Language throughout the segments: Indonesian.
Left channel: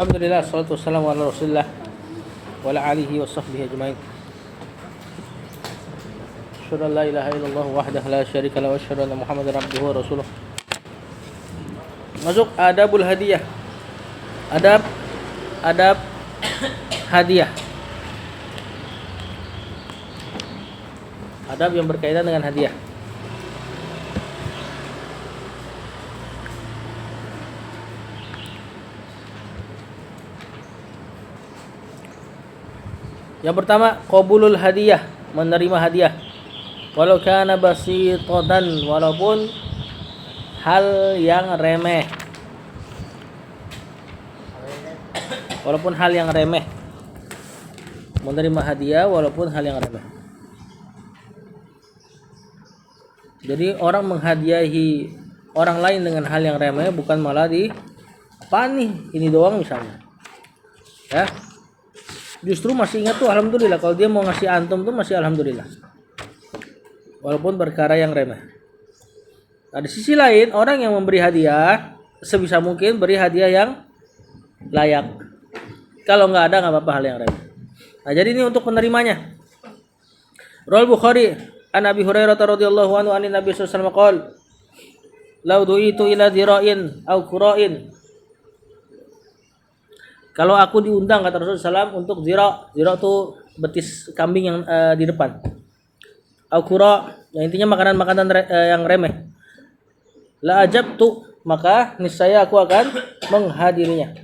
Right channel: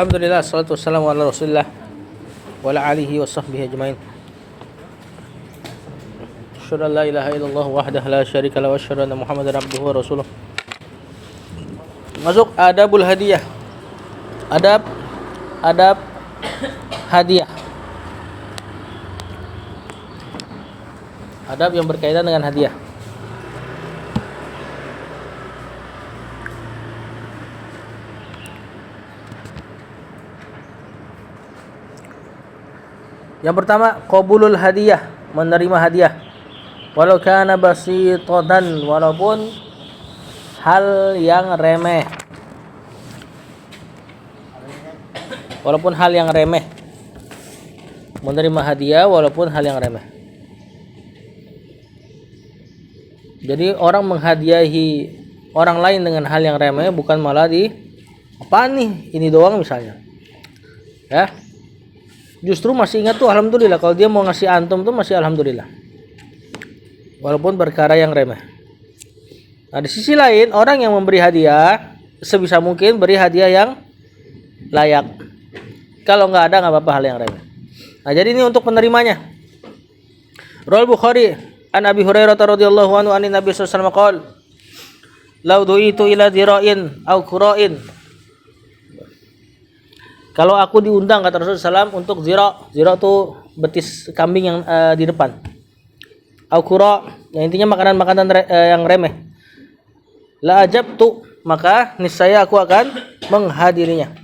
Alhamdulillah, salatu wassalamu ala rasulillah wa ala alihi wa sahbihi ajma'in. Asyhadu an la ilaha illallah wahdahu la syarika lahu wa asyhadu anna Muhammadar abduhu wa rasuluh. Masuk adabul hadiyah. Adab hadiah. Adab yang berkaitan dengan hadiah. Yang pertama, qabulul hadiah, menerima hadiah. Walau kana basitatan, walaupun hal yang remeh. Walaupun hal yang remeh. Menerima hadiah walaupun hal yang remeh. Jadi orang menghadiahi orang lain dengan hal yang remeh bukan malah apa nih, ini doang misalnya. Ya. Justru masih ingat tuh alhamdulillah, kalau dia mau ngasih antum tuh masih alhamdulillah. Walaupun perkara yang remeh. Nah, di sisi lain orang yang memberi hadiah sebisa mungkin beri hadiah yang layak. Kalau nggak ada nggak apa-apa hal yang remeh. Nah, jadi ini untuk penerimanya. Rawal Bukhari an Abi Hurairah radhiyallahu anhu anin Nabi sallallahu alaihi wasallam qala law du'itu ila dhira'in aw qura'in. Kalau aku diundang kata Rasulullah SAW untuk zira itu betis kambing yang di depan. Au qura, yang intinya makanan-makanan yang remeh. La ajabtu, maka niscaya aku akan menghadirinya.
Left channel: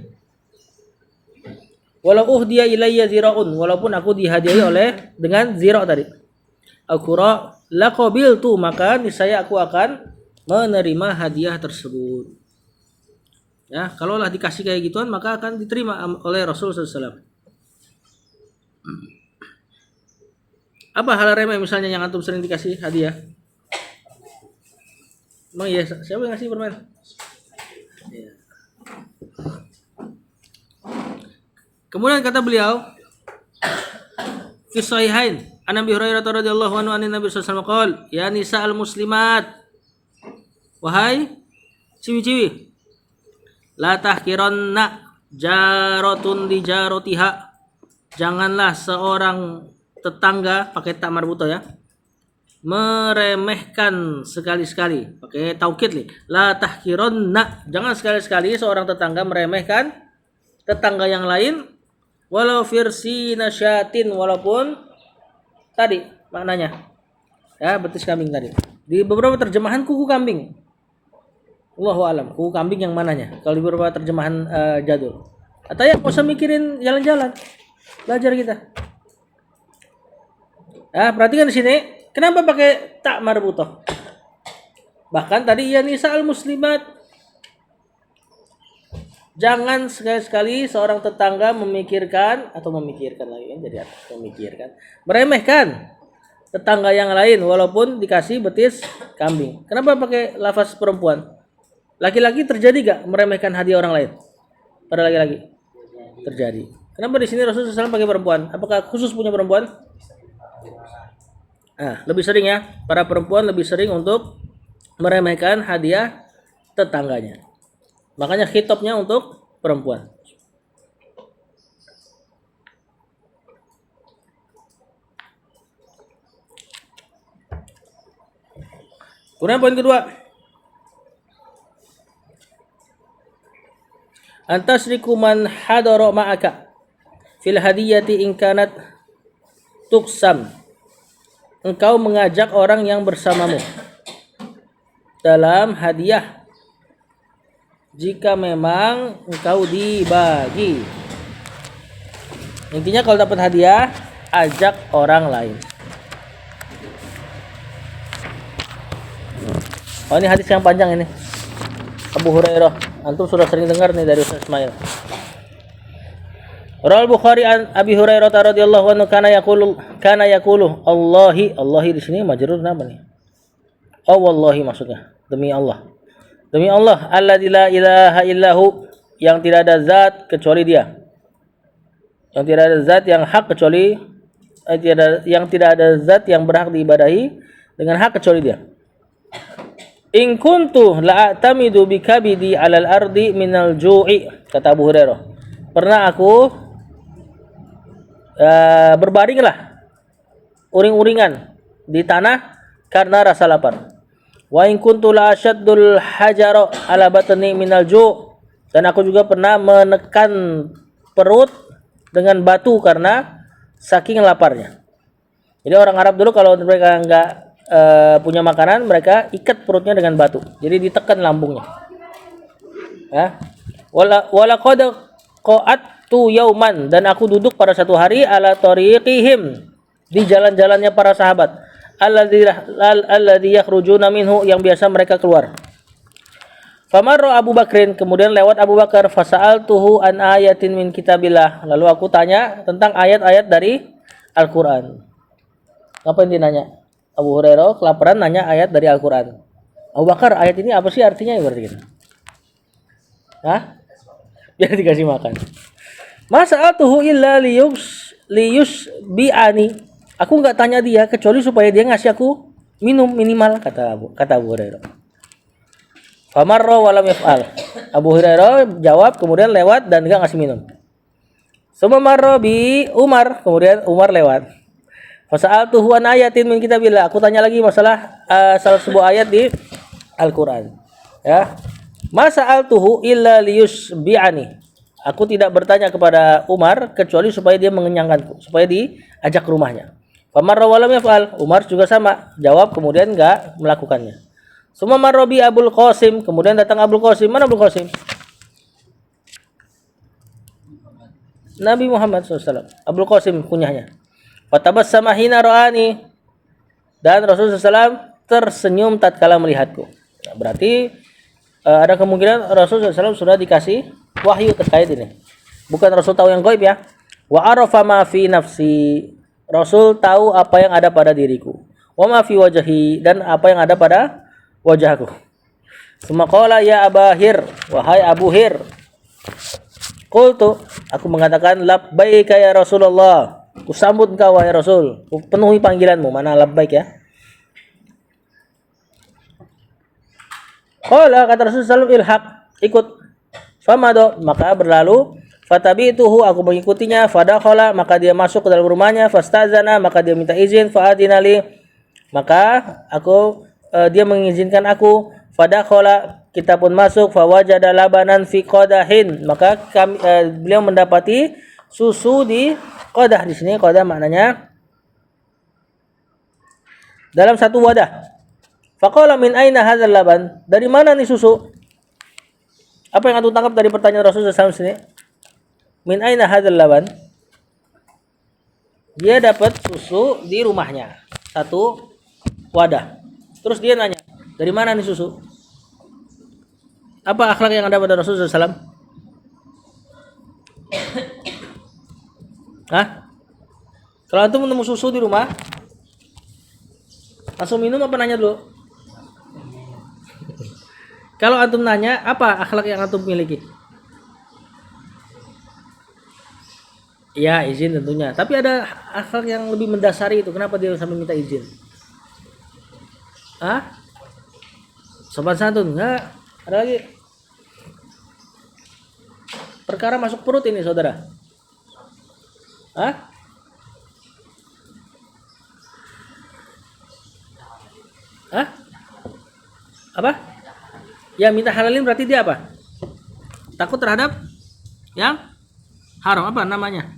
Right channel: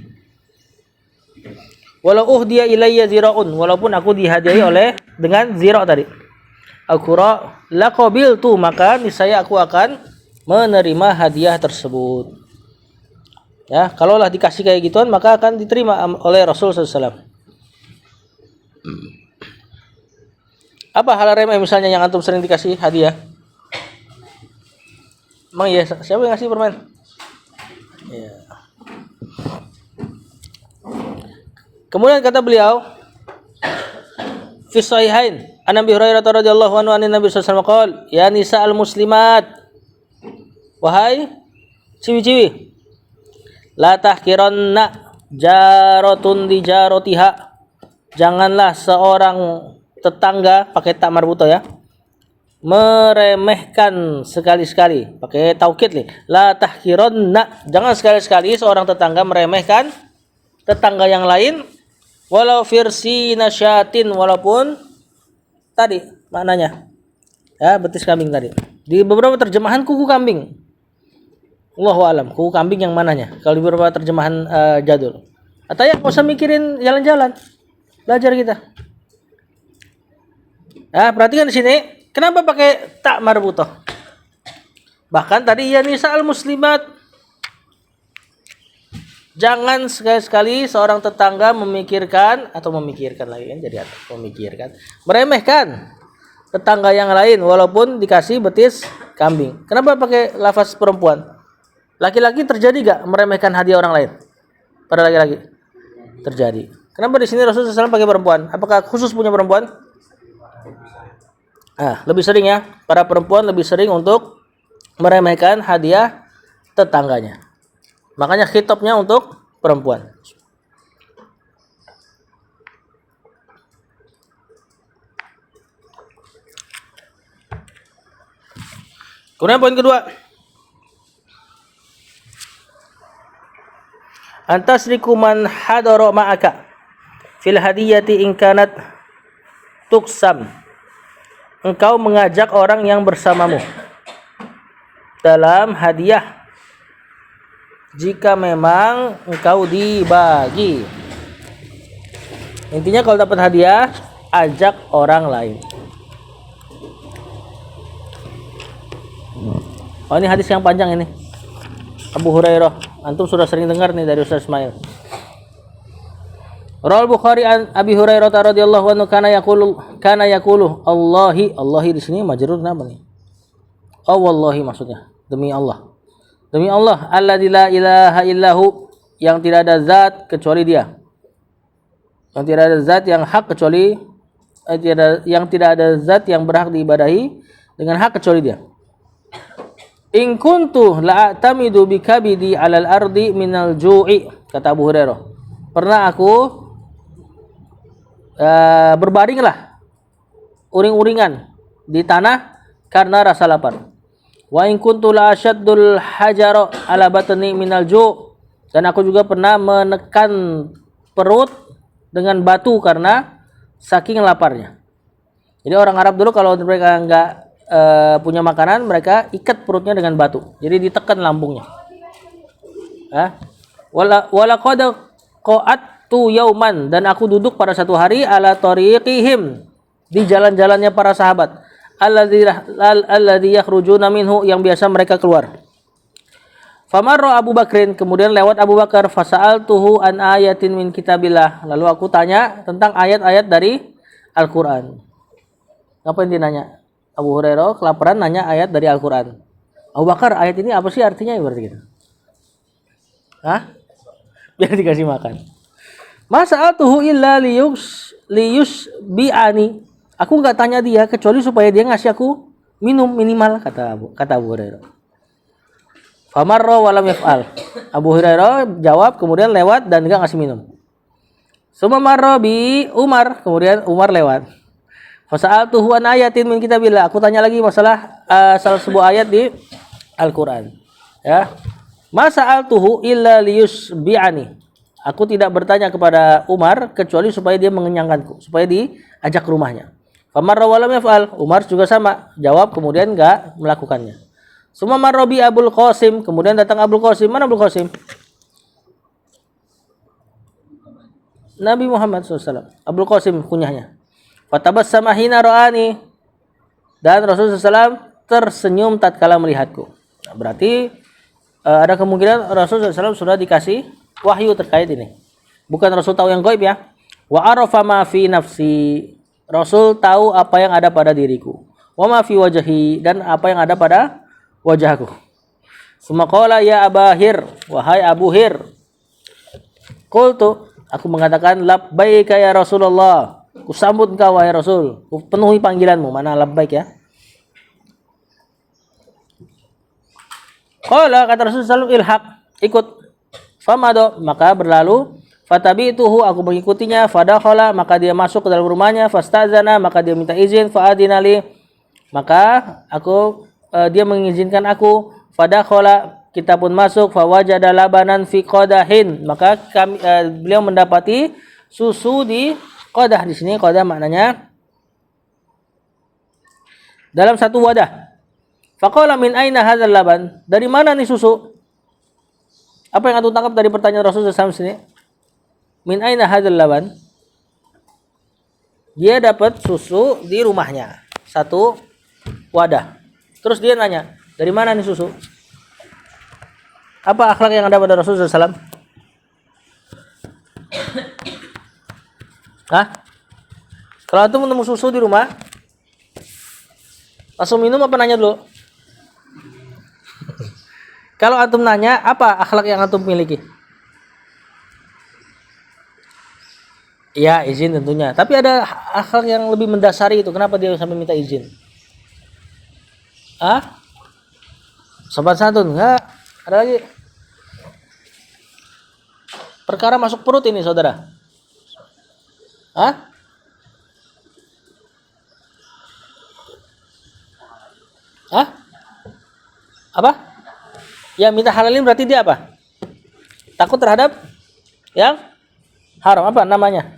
Walau uhdiya ilayya zira'un, walaupun aku dihadiahi oleh dengan zira tadi. Au qura la qabiltu, maka niscaya aku akan menerima hadiah tersebut. Ya, kalaulah dikasih kayak gituan maka akan diterima oleh Rasulullah SAW. Apa hal remeh misalnya yang antum sering dikasih hadiah? Emang ya, siapa yang ngasih permen? Ya. Kemudian kata beliau, fi sahihain, an Abi Hurairah radhiyallahu anhu anin Nabi sallallahu alaihi wasallam qala, ya nisa'al muslimat, wahai ciwi-ciwi, la tahkiranna jaratun di jarotiha, janganlah seorang tetangga, pakai tak marbuto ya, meremehkan sekali-sekali, pakai taukid nih, la tahkiranna, jangan sekali-sekali seorang tetangga meremehkan tetangga yang lain, walau firsi nasyatin, walaupun tadi maknanya ya betis kambing tadi, di beberapa terjemahan kuku kambing. Allahu alam, kuku kambing yang mananya? Kalau di beberapa terjemahan jadul. Atau ya nggak usah mikirin jalan-jalan, belajar kita. Ya, perhatikan di sini, kenapa pakai tak marbutoh? Bahkan tadi ya nisa'al muslimat, jangan sekali-sekali seorang tetangga memikirkan lagi kan, jadi memikirkan, meremehkan tetangga yang lain walaupun dikasih betis kambing. Kenapa pakai lafaz perempuan? Laki-laki terjadi gak meremehkan hadiah orang lain? Pada laki-laki terjadi. Kenapa di sini Rasulullah SAW pakai perempuan? Apakah khusus punya perempuan? Lebih sering ya. Para perempuan lebih sering untuk meremehkan hadiah tetangganya. Makanya khitabnya untuk perempuan. Kemudian poin kedua, antasriku man hadara ma'aka fil hadiyati in kanat tuksam, engkau mengajak orang yang bersamamu dalam hadiah jika memang engkau dibagi. Intinya kalau dapat hadiah ajak orang lain. Oh, ini hadis yang panjang ini, Abu Hurairah. Antum sudah sering dengar nih dari Ustaz Ismail. Rawal Bukhari an Abi Hurairah radhiyallahu anhu kana yaqulu Allahi di sini majrur apa nih? Oh wallahi maksudnya, demi Allah. Demi Allah, alladzi la ilaha illahu, yang tidak ada zat kecuali Dia. Yang tidak ada zat yang hak kecuali yang tidak ada zat yang berhak diibadahi dengan hak kecuali Dia. In kuntu la'atamidu bikabidi 'alal ardi minal ju'i, kata Abu Hurairah. pernah aku berbaringlah uring-uringan di tanah karena rasa lapar. Wa in kuntu la asyaddul hajara ala batni minal ju', dan aku juga pernah menekan perut dengan batu karena saking laparnya. Jadi orang Arab dulu kalau mereka enggak punya makanan, mereka ikat perutnya dengan batu. Jadi ditekan lambungnya. Wala qad qa'attu yauman, dan aku duduk pada satu hari ala tariqihim, di jalan-jalannya para sahabat, alladzi yakhrujuna minhu, yang biasa mereka keluar. Famarra Abu Bakrin, kemudian lewat Abu Bakar, fasa'altuhu an ayatin min kitabillah, lalu aku tanya tentang ayat-ayat dari Al-Qur'an. Apa yang dia nanya? Abu Hurairah kelaparan nanya ayat dari Al-Qur'an. Abu Bakar, ayat ini apa sih artinya ya berarti gitu? Biar dikasih makan. Masa'altuhu illa liyus bi'ani. Aku enggak tanya dia kecuali supaya dia ngasih aku minum minimal, kata Abu Hurairah. Famarra wa lam yaf'al. Abu Hurairah jawab kemudian lewat dan enggak ngasih minum. Summa marra bi Umar, kemudian Umar lewat. Fasa'altuhu an ayatin min kitabillah. Aku tanya lagi masalah salah sebuah ayat di Al-Qur'an. Ya. Masa'altuhu illa liyusbi'ani. Aku tidak bertanya kepada Umar kecuali supaya dia mengenyangkanku, supaya diajak ke rumahnya. Famarra wa lam yaf'al. Umar juga sama, jawab kemudian enggak melakukannya. Summa marra bi Abul Qasim, kemudian datang Abul Qasim. Mana Abul Qasim? Nabi Muhammad SAW. Abul Qasim kunyahnya. Fatabassama hina ra'ani, dan Rasulullah SAW tersenyum tatkala melihatku. Nah, berarti ada kemungkinan Rasulullah SAW sudah dikasih wahyu terkait ini. Bukan Rasul tahu yang gaib ya. Wa arafa ma fi nafsi. Rasul tahu apa yang ada pada diriku. Wa ma fi wajhi, dan apa yang ada pada wajahku. Summa qala ya Abahir, wahai Abu Hir. Qultu, aku mengatakan labbaika ya Rasulullah. Kusambut engkau wahai Rasul. Penuhi panggilanmu. Mana labbaik ya? Qala, kata Rasulullah SAW, ilhaq, ikut. Famado, maka berlalu. Fatabi'tuhu, aku mengikutinya. Fadakhala, maka dia masuk ke dalam rumahnya. Fastazana, maka dia minta izin. Fa'adinali, maka dia mengizinkan aku. Fadakhala, kita pun masuk. Fawajada labanan fi qadahin, maka beliau mendapati susu di qadah. Di sini qadah maknanya dalam satu wadah. Faqala min aina hadzal laban? Dari mana nih susu? Apa yang antum tangkap dari pertanyaan Rasulullah SAW sini? Min aina hadzal laban? Dia dapat susu di rumahnya, satu wadah. Terus dia nanya, dari mana nih susu? Apa akhlak yang ada pada Rasulullah SAW? Kalau antum menemu susu di rumah, langsung minum apa nanya dulu? Kalau antum nanya, apa akhlak yang antum miliki? Ya, izin tentunya. Tapi ada akhlak yang lebih mendasari itu. Kenapa dia sampai minta izin? Sopan santun? Enggak. Ada lagi. Perkara masuk perut ini, saudara. Apa? Ya, minta halalin berarti dia apa? Takut terhadap yang haram. Apa namanya?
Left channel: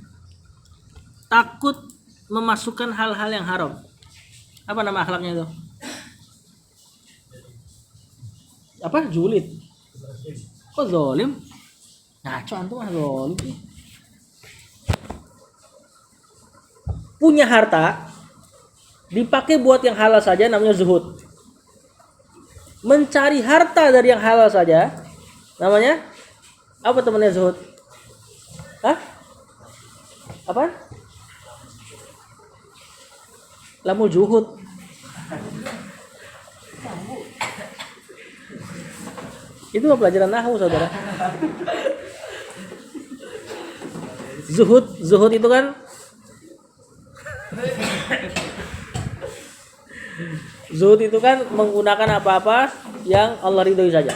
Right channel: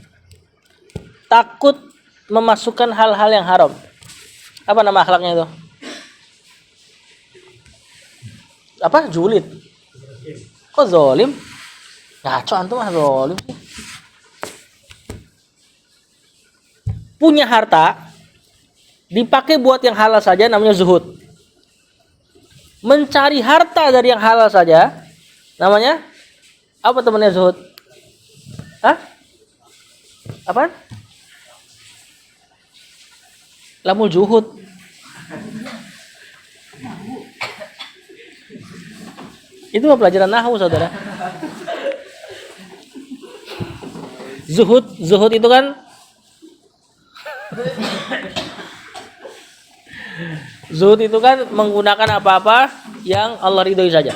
Takut memasukkan hal-hal yang haram. Apa nama akhlaknya itu? Apa? Julid. Kok zolim? Ngaco antum mah zolim sih. Punya harta dipakai buat yang halal saja namanya zuhud. Mencari harta dari yang halal saja namanya apa temannya zuhud? Apaan? Lamul juhud. Itu pelajaran nahwu, saudara. Zuhud itu kan zuhud itu kan menggunakan apa-apa yang Allah ridhoi saja.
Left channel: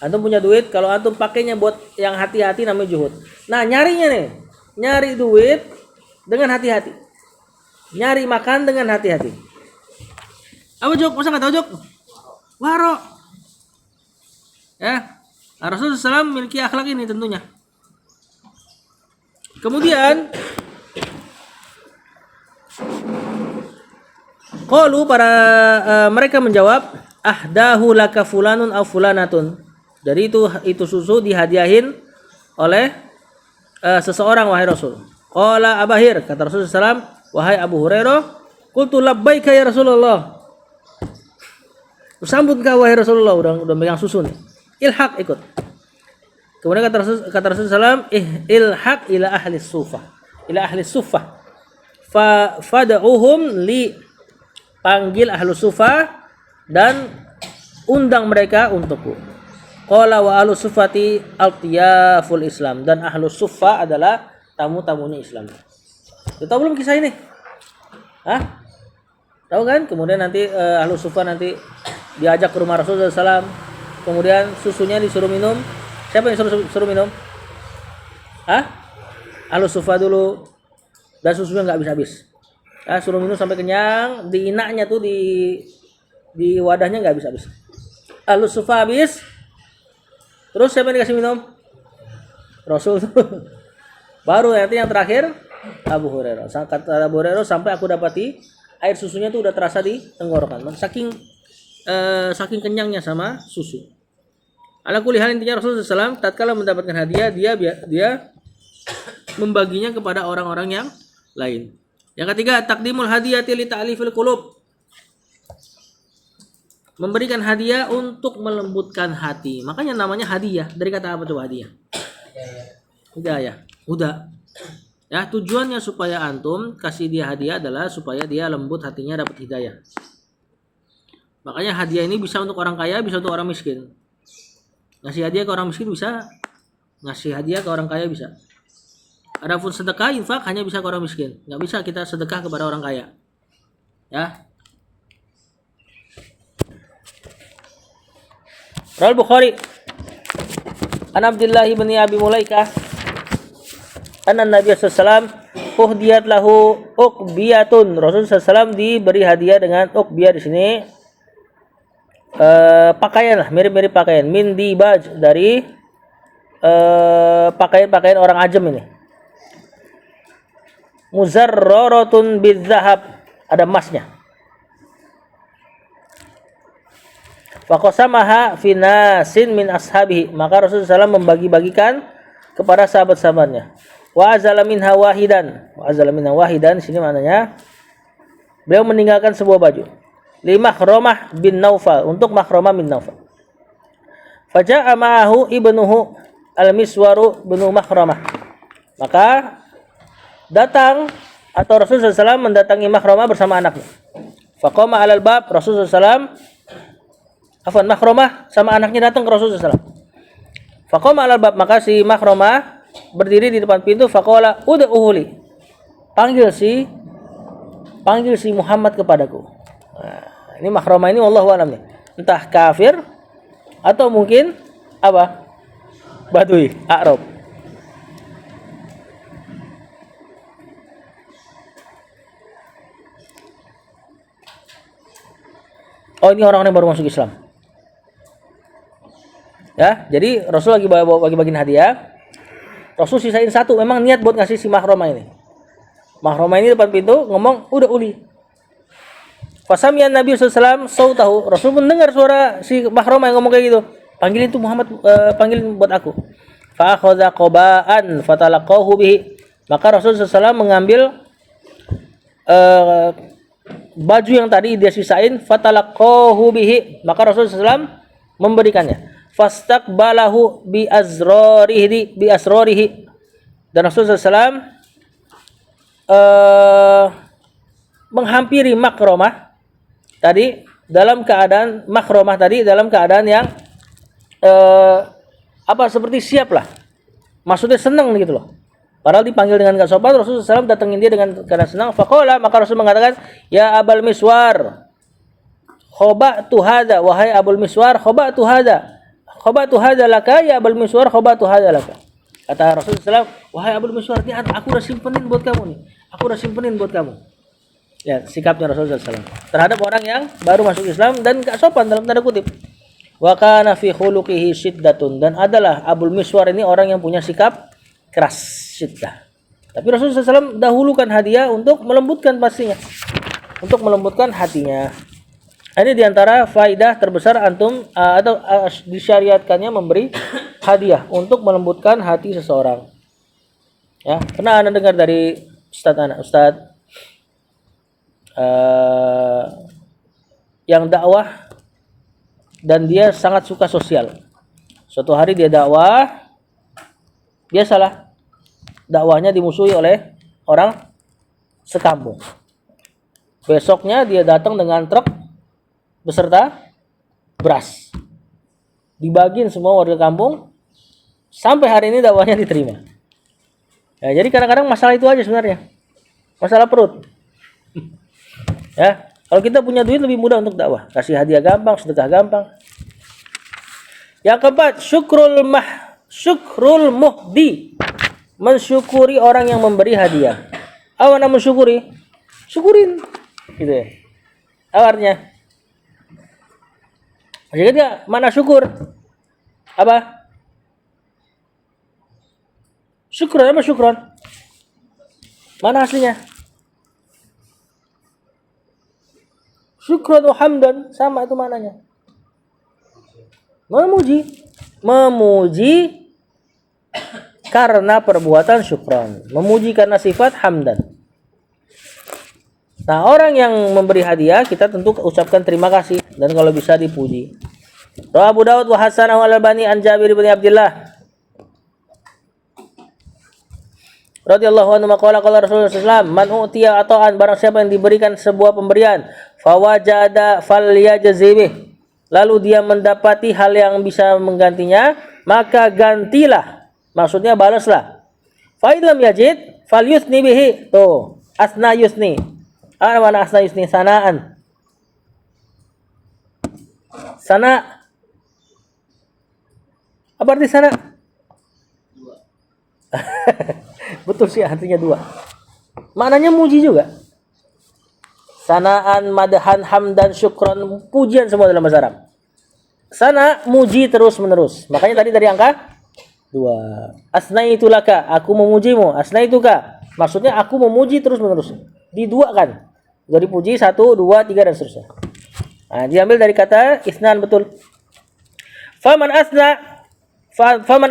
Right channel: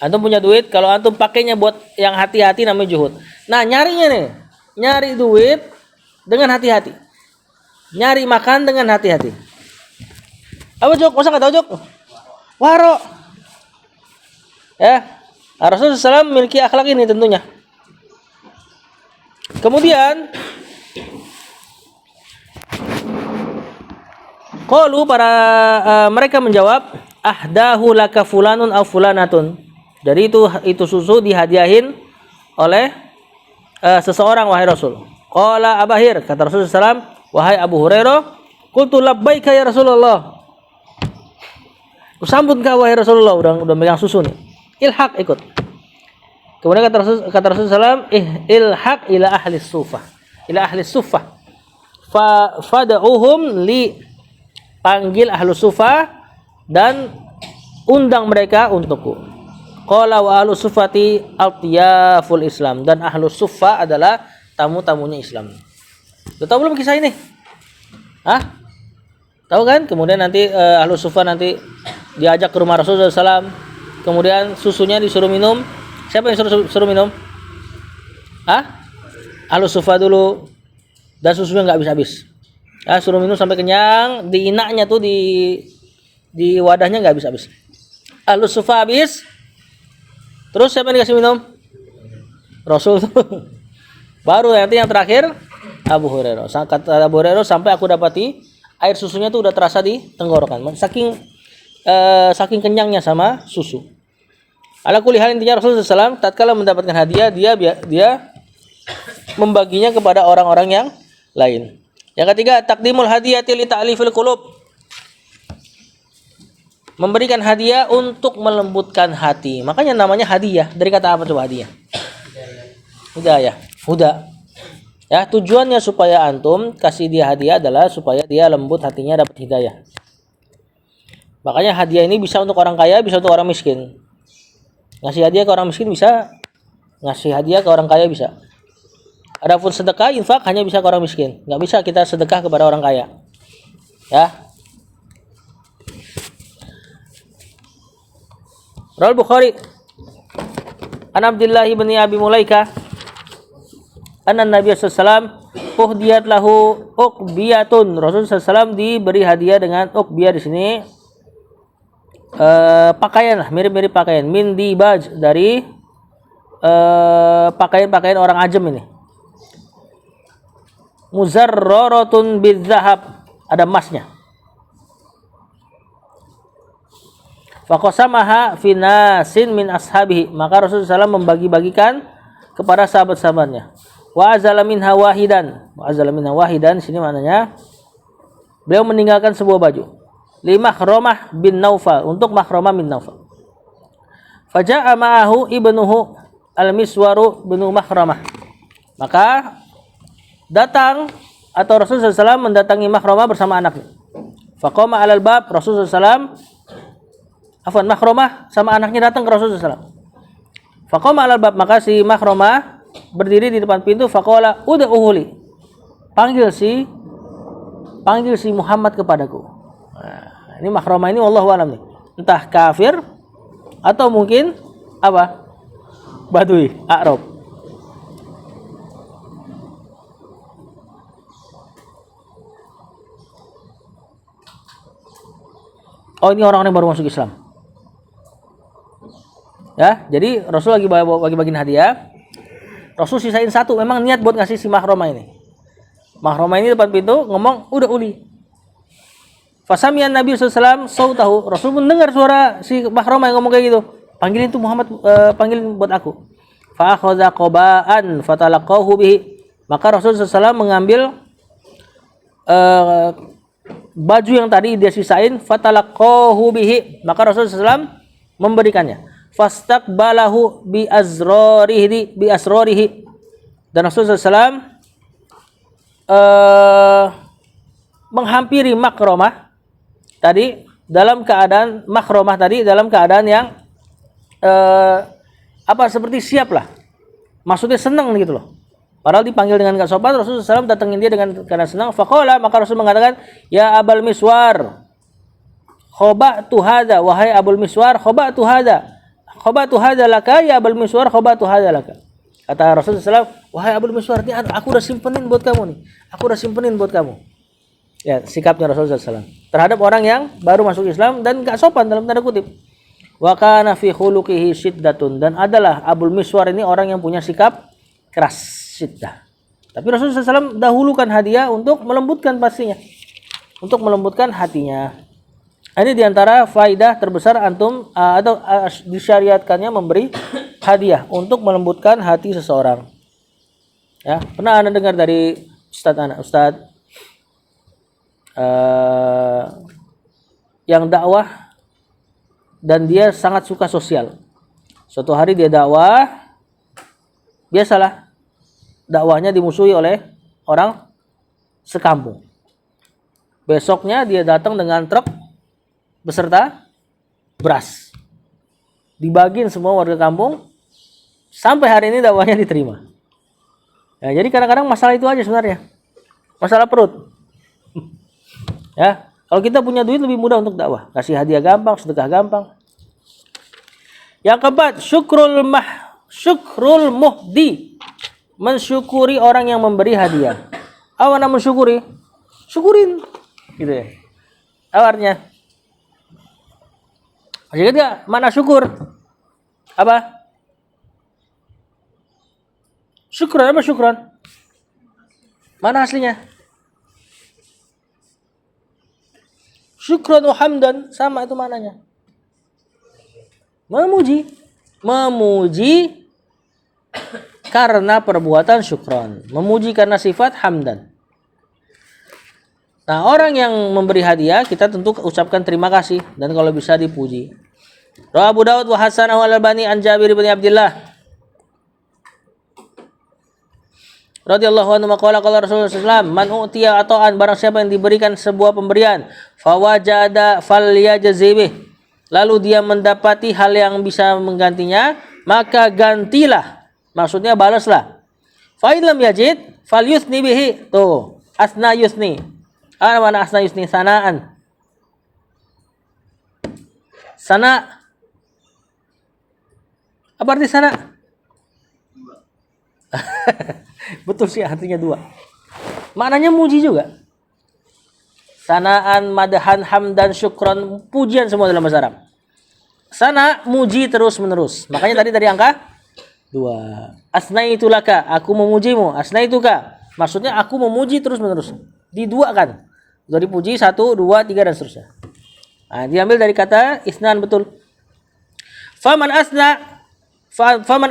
Antum punya duit, kalau antum pakainya buat yang hati-hati namanya juhud. Nah, nyarinya nih, nyari duit dengan hati-hati. Nyari makan dengan hati-hati. Apa Jok? Masa nggak tahu Jok? Waro. Ya, Rasulullah SAW memiliki akhlak ini tentunya. Kemudian qalu mereka menjawab, ahdahu laka fulanun aw fulanatun. Jadi itu susu dihadiahin oleh seseorang wahai Rasul. Qala Abahir, kata Rasulullah SAW, wahai Abu Hurairah, qultu labbaika ya Rasulullah. Sambut kau wahai Rasulullah, udah megang susu nih. Ilhaq, ikut. Kemudian kata Rasulullah SAW, ilhaq ila ahli sufah. Ila ahli sufah. Fada'uhum li, panggil ahlu sufah dan undang mereka untukku. Qala wa ahlu sufati altiyaful Islam, dan ahlu sufah adalah tamu-tamunya Islam. Lu tahu belum kisah ini? Hah? Tahu kan? Kemudian nanti ahlu sufah nanti diajak ke rumah Rasulullah SAW. Kemudian susunya disuruh minum. Siapa yang suruh minum? Hah? Ahlu sufah dulu. Dan susunya nggak habis-habis. Ya, suruh minum sampai kenyang. Di inaknya tuh di wadahnya nggak habis-habis. Ahlu sufah habis. Terus siapa yang dikasih minum? Rasul. Baru nanti yang terakhir Abu Hurairah. Kata Abu Hurairah, sampai aku dapati air susunya tuh udah terasa di tenggorokan. Saking kenyangnya sama susu. Ala kulli hal, intinya Rasulullah SAW tatkala mendapatkan hadiah, dia membaginya kepada orang-orang yang lain. Yang ketiga, takdimul hadiyati li ta'lifil qulub. Memberikan hadiah untuk melembutkan hati. Makanya namanya hadiah. Dari kata apa coba hadiah? Hidayah. Huda. Ya, tujuannya supaya antum kasih dia hadiah adalah supaya dia lembut hatinya, dapat hidayah. Makanya hadiah ini bisa untuk orang kaya, bisa untuk orang miskin. Ngasih hadiah ke orang miskin bisa, ngasih hadiah ke orang kaya bisa. Adapun sedekah, infak hanya bisa ke orang miskin. Nggak bisa kita sedekah kepada orang kaya. Ya. Rawal Bukhari An Abdullah bin Abi Mulaika anna Nabi sallallahu alaihi wasallam uhdiyat lahu uqbiyatun. Rasulullah SAW diberi hadiah dengan uqbiyah di sini pakaian lah, mirip-mirip pakaian, min dibaj, dari pakaian-pakaian orang ajam ini. Muzarraratun bidzahab, ada emasnya. Faqasamaha fi nasin min ashabihi, maka Rasulullah SAW membagi-bagikan kepada sahabat-sahabatnya. Wa azala minha wahidan, sini maknanya beliau meninggalkan sebuah baju. Li Makhromah bin Naufal, untuk Makhromah bin Naufal. Faja'a ma'ahu ibnuhu al-Miswaru bin Makhromah, maka datang atau Rasulullah SAW mendatangi Makhromah bersama anaknya. Faqama 'alal bab, Rasulullah SAW Makhromah sama anaknya datang ke Rasulullah SAW. Faqama 'alal bab, maka si Makhromah berdiri di depan pintu. Faqala ud'uhuli, panggil si Muhammad kepadaku. Nah, ini Makhromah ini wallahu alam nih, entah kafir atau mungkin apa, Badui, Arab. Oh, ini orang-orang yang baru masuk Islam. Ya, jadi Rasul lagi bagi-bagiin hadiah. Rasul sisain satu, memang niat buat ngasih si Makhromah ini. Makhromah ini depan pintu ngomong, udah uli. Fasamiyan Nabi SAW sautahu, Rasul mendengar suara si Makhromah yang ngomong kayak gitu. Panggilin tuh Muhammad, panggilin buat aku. Fa akhadha qaba'an fatalaqahu bihi, maka Rasul SAW mengambil baju yang tadi dia sisain, fatalaqahu bihi, maka Rasulullah SAW memberikannya. Fastaqbalahu bi asrarihi, dan Rasulullah SAW menghampiri Makhromah tadi dalam keadaan yang seperti siap lah, maksudnya senang gitu loh. Padahal dipanggil dengan gak sopan, Rasulullah SAW datengin dia dengan keadaan senang. Faqala, maka Rasul mengatakan, ya Abul Miswar, khoba'tu hadza, wahai Abul Miswar, khoba'tu hadza, khobatu hadalaka ya Abul Miswar, khobatu hadalaka. Kata Rasulullah SAW, wahai Abul Miswar, ini aku udah simpenin buat kamu nih. Aku udah simpenin buat kamu. Ya, sikapnya Rasulullah SAW terhadap orang yang baru masuk Islam dan gak sopan dalam tanda kutip. Wa kana fi khuluqihi syiddatun, dan adalah Abul Miswar ini orang yang punya sikap keras, syiddah. Tapi Rasulullah SAW dahulukan hadiah untuk melembutkan pastinya, untuk melembutkan hatinya. Ini diantara faidah terbesar antum atau disyariatkannya memberi hadiah untuk melembutkan hati seseorang. Ya, pernah Anda dengar dari Ustadz yang dakwah dan dia sangat suka sosial. Suatu hari dia dakwah, biasalah dakwahnya dimusuhi oleh orang sekampung. Besoknya dia datang dengan truk beserta beras, dibagiin semua warga kampung. Sampai hari ini dakwahnya diterima. Ya, jadi kadang-kadang masalah itu aja sebenarnya, masalah perut. Ya, kalau kita punya duit lebih mudah untuk dakwah, kasih hadiah gampang, sedekah gampang. Yang keempat, syukrul muhdi, mensyukuri orang yang memberi hadiah. Apa nama mensyukuri? Syukurin, gitu ya. Apa artinya? Masih ingat gak mana syukur? Apa? Syukran apa syukran? Mana aslinya? Syukran wa hamdan, sama itu maknanya. Memuji karena perbuatan syukran, memuji karena sifat hamdan. Nah, orang yang memberi hadiah kita tentu ucapkan terima kasih dan kalau bisa dipuji. Rawi Abu Dawud wa Hasan al-Albani an Jabir bin Abdullah radhiyallahu anhu qala qala Rasulullah sallallahu alaihi wasallam, man utiya ata'an, barang siapa yang diberikan sebuah pemberian, fawajada falyajzibih, lalu dia mendapati hal yang bisa menggantinya, maka gantilah, maksudnya balaslah. Fa in lam yajid falyusni bihi, tuh asna yusni. Apa mana asna yusni? Sanaan. Sana. Apa arti sana? Betul sih, artinya dua. Maknanya muji juga. Sanaan, madahan, hamdan, syukran, pujian semua dalam bahasa Arab. Sana muji terus menerus. Makanya tadi dari angka 2. Asnaitu laka, aku memujimu. Asnaituka, maksudnya aku memuji terus menerus. Diduakan. Jadi puji 1, 2, 3 dan seterusnya. Nah, diambil dari kata isnan, betul. Faman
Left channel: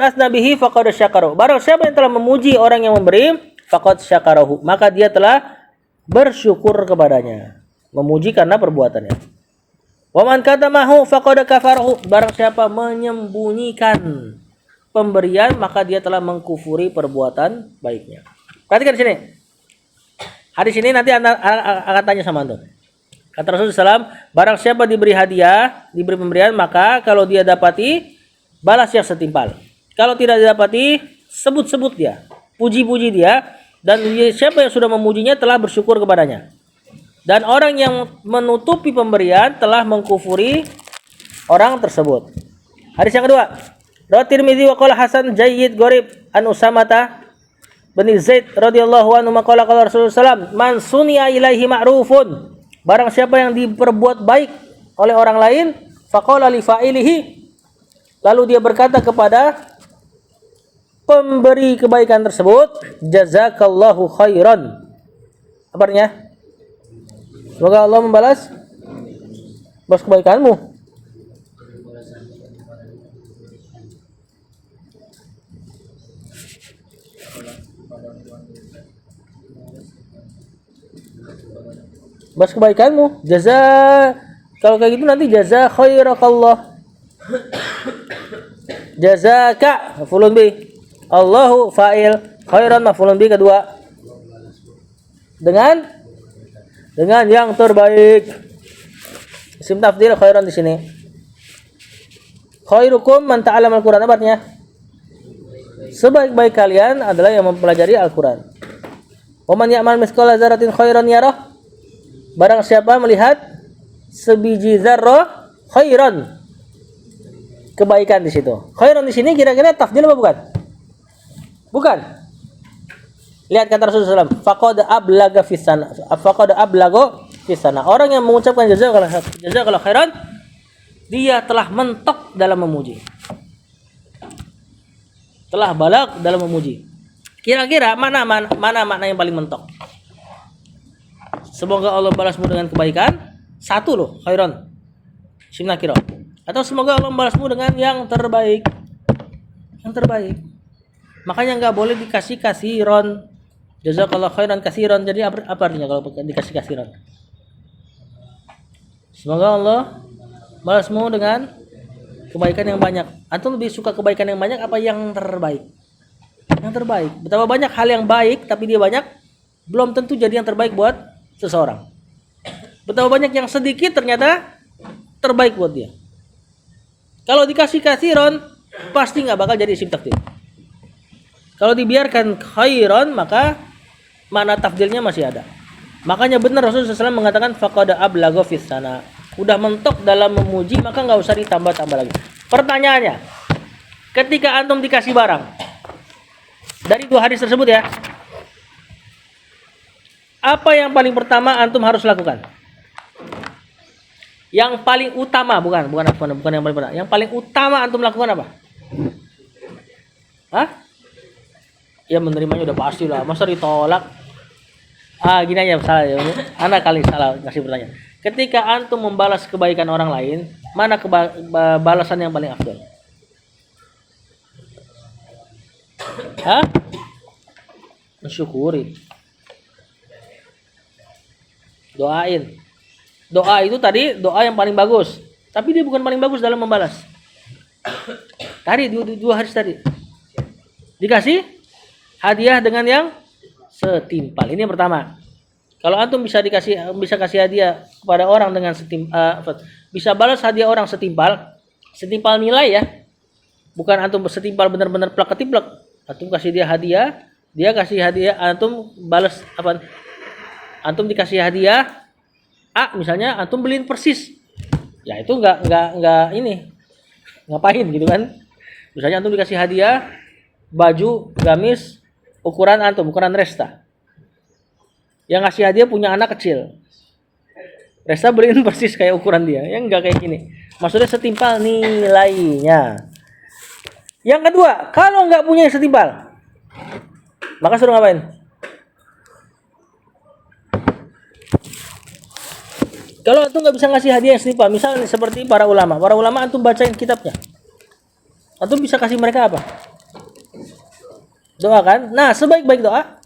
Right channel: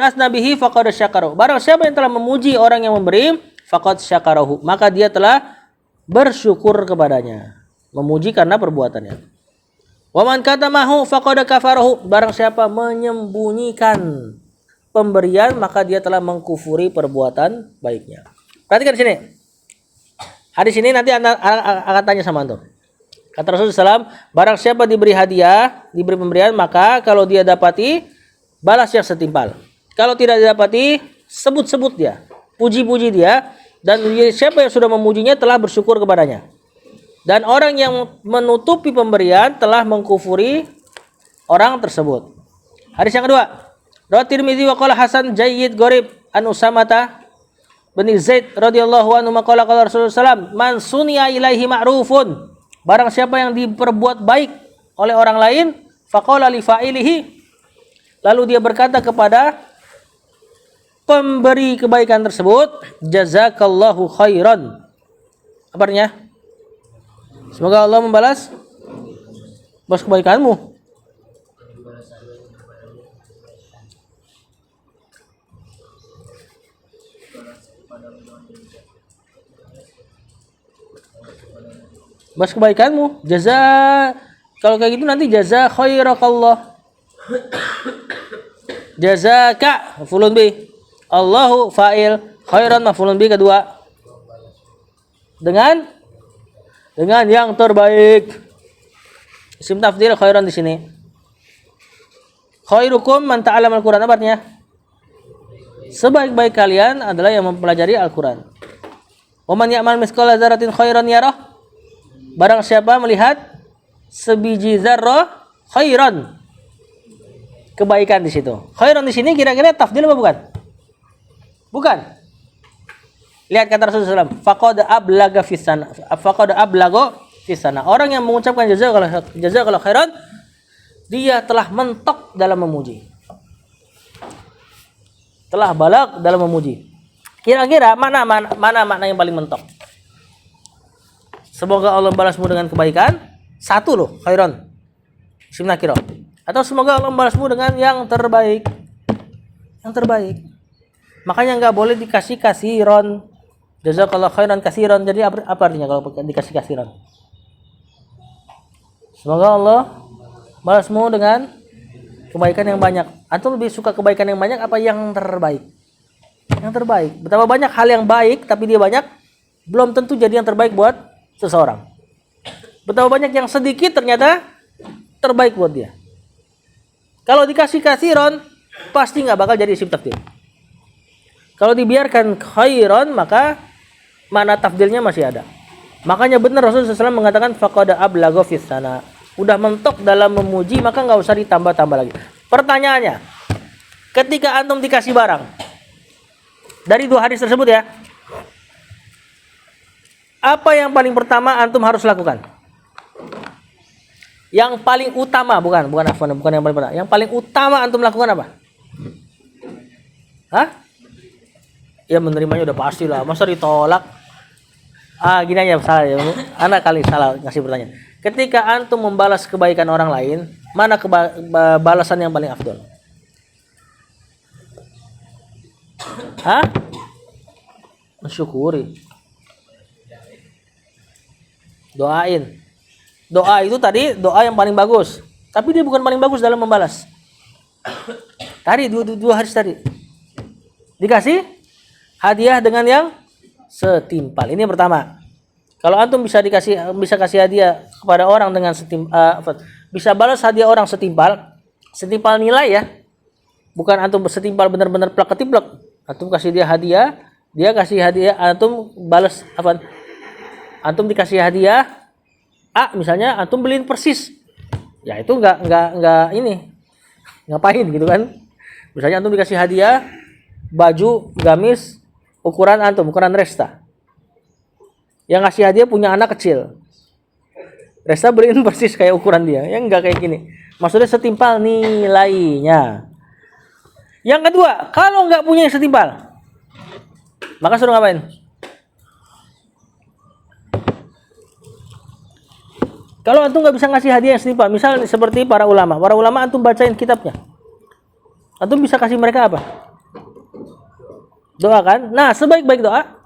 asna bihi faqad syakarahu. Barang siapa yang telah memuji orang yang memberi, faqad syakarahu, maka dia telah bersyukur kepadanya. Memuji karena perbuatannya. Wa man katamahu faqad kafarahu. Barang siapa menyembunyikan pemberian, maka dia telah mengkufuri perbuatan baiknya. Perhatikan di sini. Hadis ini nanti Anda akan tanya sama antum. Kata Rasulullah SAW, barang siapa diberi hadiah, diberi pemberian, maka kalau dia dapati, balas yang setimpal. Kalau tidak didapati, sebut-sebut dia, puji-puji dia, dan siapa yang sudah memujinya telah bersyukur kepadanya. Dan orang yang menutupi pemberian telah mengkufuri orang tersebut. Hadis yang kedua, Rawat Tirmidzi wa qala Hasan jayyid gharib an Usamata bin Zaid radhiyallahu anhu maqala qala Rasulullah sallallahu alaihi wasallam, man sunia ilaihi ma'rufun, barang siapa yang diperbuat baik oleh orang lain, faqala li fa'ilihi, lalu dia berkata kepada pemberi kebaikan tersebut, jazakallahu khairan. Apa artinya? Semoga Allah membalas kebaikanmu. Balas kebaikanmu. Kalau kayak gitu nanti jaza khairakallah. Jazaka maf'ulun bih. Allahu fa'il, khairan maf'ulun bih kedua. Dengan yang terbaik. Isim tafdhil khairan di sini. Khairukum man ta'allama al-Qur'an, apa artinya? Sebaik-baik kalian adalah yang mempelajari Al-Qur'an. Wa man ya'mal mithqala dzarratin khairan yarah. Barang siapa melihat sebiji zarrah khairan, kebaikan di situ. Khairan di sini kira-kira tafdil apa bukan? Bukan. Lihat kata Rasulullah SAW, faqad ablaga fis sana. Faqad ablago fis sana. Orang yang mengucapkan jazakallahu khairan, dia telah mentok dalam memuji. Telah balak dalam memuji. Kira-kira mana makna yang paling mentok? Semoga Allah balasmu dengan kebaikan. Satu loh, khairan. Isim nakirah. Atau semoga Allah balasmu dengan yang terbaik. Yang terbaik. Makanya nggak boleh dikasih kasiron. Jazakallahu khairan kasiron. Jadi apa artinya kalau dikasih kasiron? Semoga Allah balasmu dengan kebaikan yang banyak. Antum lebih suka kebaikan yang banyak apa yang terbaik? Yang terbaik. Betapa banyak hal yang baik tapi dia banyak, belum tentu jadi yang terbaik buat seseorang. Betapa banyak yang sedikit ternyata terbaik buat dia. Kalau dikasih kasiron pasti nggak bakal jadi isim tafdil. Kalau dibiarkan khairon maka makna tafdilnya masih ada. Makanya benar Rasulullah SAW mengatakan faqad ablagha fis sana. Udah mentok dalam memuji maka nggak usah ditambah-tambah lagi. Pertanyaannya, ketika antum dikasih barang dari dua hadis tersebut ya, apa yang paling pertama antum harus lakukan? Yang paling utama bukan yang paling pertama. Yang paling utama antum lakukan apa? Hah? Ya menerimanya udah pasti lah. Masa ditolak? Gini aja salah ya. Anak kali salah ngasih pertanyaan. Ketika antum membalas kebaikan orang lain, mana balasan yang paling afdol? Hah? Mensyukuri. Doain. Doa itu tadi doa yang paling bagus, tapi dia bukan paling bagus dalam membalas. Tadi dua hadis tadi dikasih hadiah dengan yang setimpal. Ini yang pertama. Kalau antum bisa kasih hadiah kepada orang dengan bisa balas hadiah orang setimpal nilai ya. Bukan antum setimpal benar-benar plak ketiplak. Antum kasih dia hadiah, dia kasih hadiah, antum balas apa? Antum dikasih hadiah misalnya antum beliin persis. Ya itu enggak ini. Ngapain gitu kan? Misalnya antum dikasih hadiah baju gamis ukuran antum, ukuran Resta. Yang ngasih hadiah punya anak kecil. Resta beliin persis kayak ukuran dia. Yang enggak kayak gini. Maksudnya setimpal nilainya. Yang kedua, kalau enggak punya setimpal, maka suruh ngapain? Kalau antum nggak bisa ngasih hadiah yang setimpal, misal seperti para ulama antum bacain kitabnya, antum bisa kasih mereka apa? Doa kan? Nah, sebaik-baik doa,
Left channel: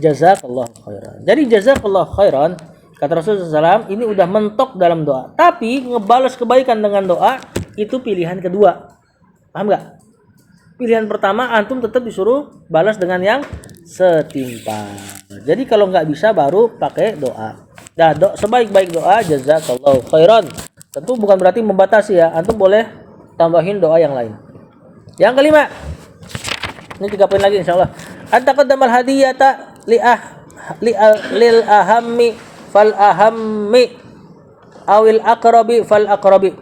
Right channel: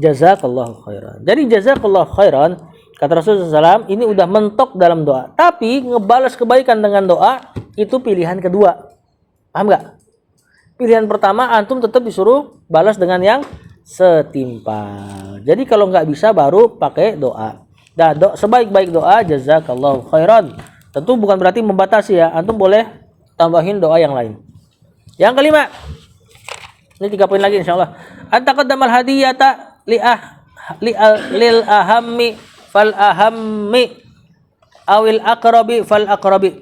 jazakallahu khairan. Jadi jazakallahu khairan, kata Rasulullah SAW, ini udah mentok dalam doa. Tapi ngebalas kebaikan dengan doa itu pilihan kedua. Paham nggak? Pilihan pertama antum tetap disuruh balas dengan yang setimpal. Jadi kalau nggak bisa baru pakai doa. Nah, sebaik-baik doa jazakallahu khairan. Tentu bukan berarti membatasi ya. Antum boleh tambahin doa yang lain. Yang kelima. Ini 3 poin lagi insyaallah. At-taqaddamal hadiyata lil ahammi fal ahammi awil aqrabi fal aqrabi.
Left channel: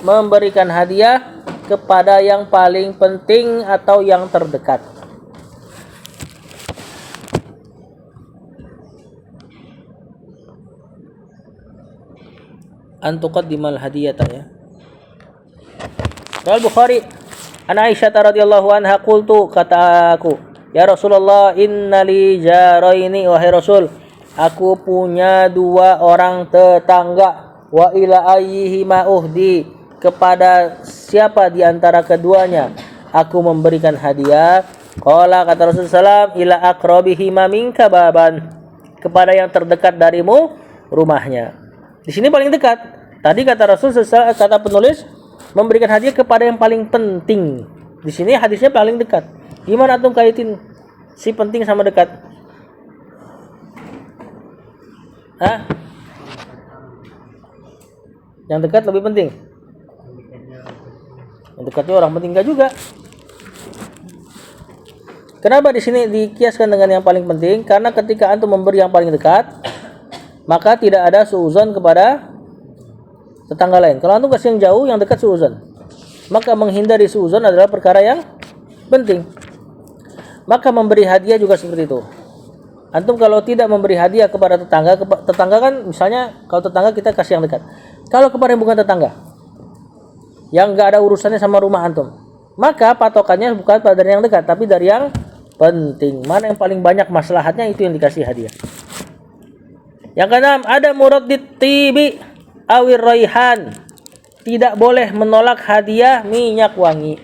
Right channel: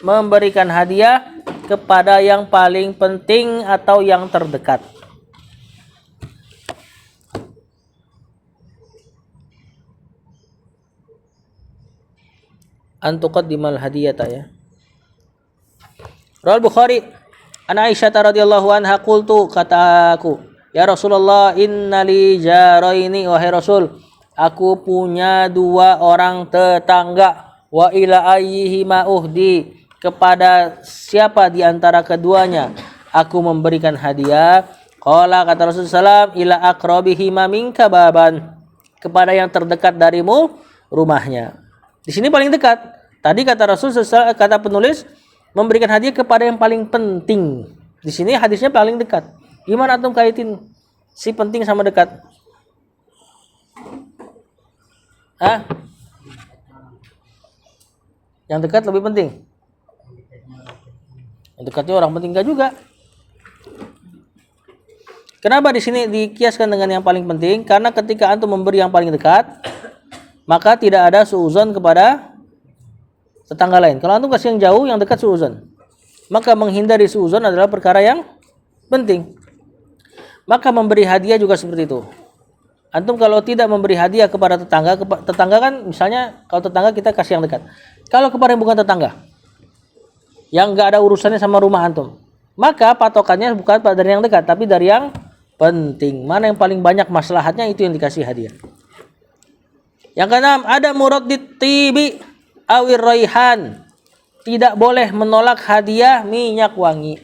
Memberikan hadiah kepada yang paling penting atau yang terdekat. Antuqaddimal hadiyata ya. Rawal Bukhari an Aisyah radhiyallahu anha qultu, kata aku, ya Rasulullah innali jaraini, wahai Rasul, aku punya 2 orang tetangga, wa ila ayyihima uhdi, kepada siapa di antara keduanya aku memberikan hadiah. Qala, kata Rasulullah SAW, ila aqrabihima minka baban, kepada yang terdekat darimu rumahnya. Di sini paling dekat. Tadi kata Rasulullah, kata penulis, memberikan hadiah kepada yang paling penting. Di sini hadisnya paling dekat. Gimana antum kaitin si penting sama dekat? Hah? Yang dekat lebih penting. Yang dekatnya orang penting enggak juga. Kenapa di sini dikiaskan dengan yang paling penting? Karena ketika antum memberi yang paling dekat, maka tidak ada suuzon kepada tetangga lain. Kalau antum kasih yang jauh, yang dekat suudzon. Maka menghindari suudzon adalah perkara yang penting. Maka memberi hadiah juga seperti itu. Antum kalau tidak memberi hadiah kepada tetangga, tetangga kan misalnya kalau tetangga kita kasih yang dekat. Kalau kepada yang bukan tetangga, yang nggak ada urusannya sama rumah antum, maka patokannya bukan dari yang dekat, tapi dari yang penting. Mana yang paling banyak maslahatnya, itu yang dikasih hadiah. Yang keenam, ada muraddid tibi awir raihan. Tidak boleh menolak hadiah minyak wangi.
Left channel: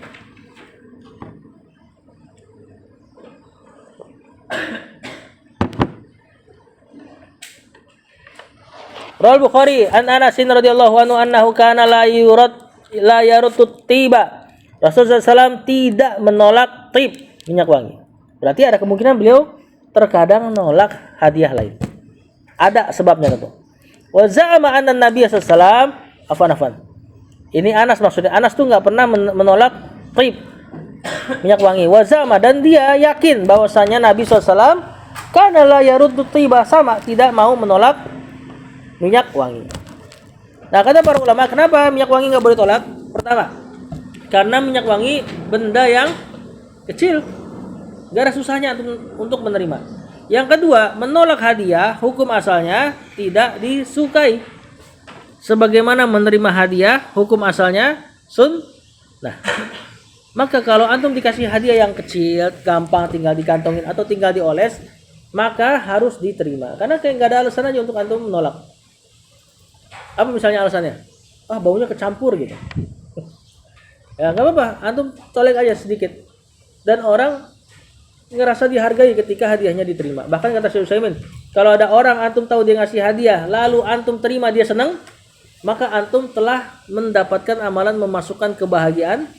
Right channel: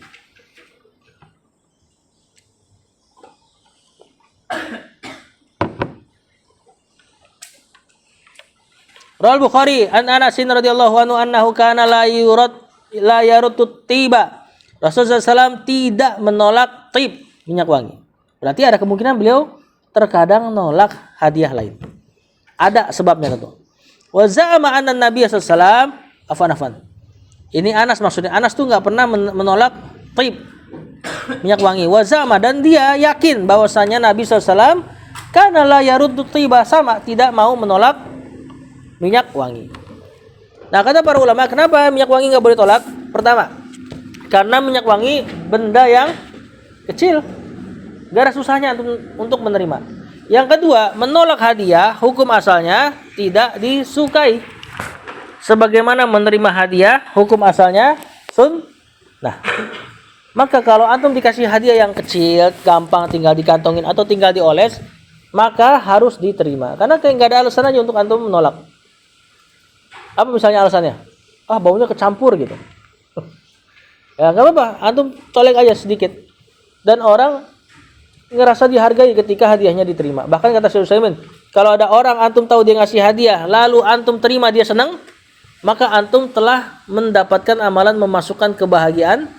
Rawal Bukhari an Anas radhiyallahu anhu annahu kana la yarutut tiba. Rasulullah SAW tidak menolak tib, minyak wangi. Berarti ada kemungkinan beliau terkadang menolak hadiah lain. Ada sebabnya tentu. Wa za'ama anna Nabi sallallahu afan. Ini Anas maksudnya. Anas tuh enggak pernah menolak tib, minyak wangi. Wa za'ama, dan dia yakin bahwasanya Nabi sallallahu kana la yarutut tiba, sama tidak mau menolak minyak wangi. Nah, kata para ulama, kenapa minyak wangi nggak boleh tolak? Pertama, karena minyak wangi benda yang kecil, gak ada susahnya untuk menerima. Yang kedua, menolak hadiah hukum asalnya tidak disukai. Sebagaimana menerima hadiah hukum asalnya sunnah. Maka kalau antum dikasih hadiah yang kecil, gampang tinggal dikantongin atau tinggal dioles, maka harus diterima. Karena kayak nggak ada alasan aja untuk antum menolak. Apa misalnya alasannya? Baunya kecampur gitu. Ya nggak apa-apa, antum colek aja sedikit. Dan orang ngerasa dihargai ketika hadiahnya diterima. Bahkan kata Syekh Utsaimin, kalau ada orang antum tahu dia ngasih hadiah, lalu antum terima, dia senang, maka antum telah mendapatkan amalan memasukkan kebahagiaan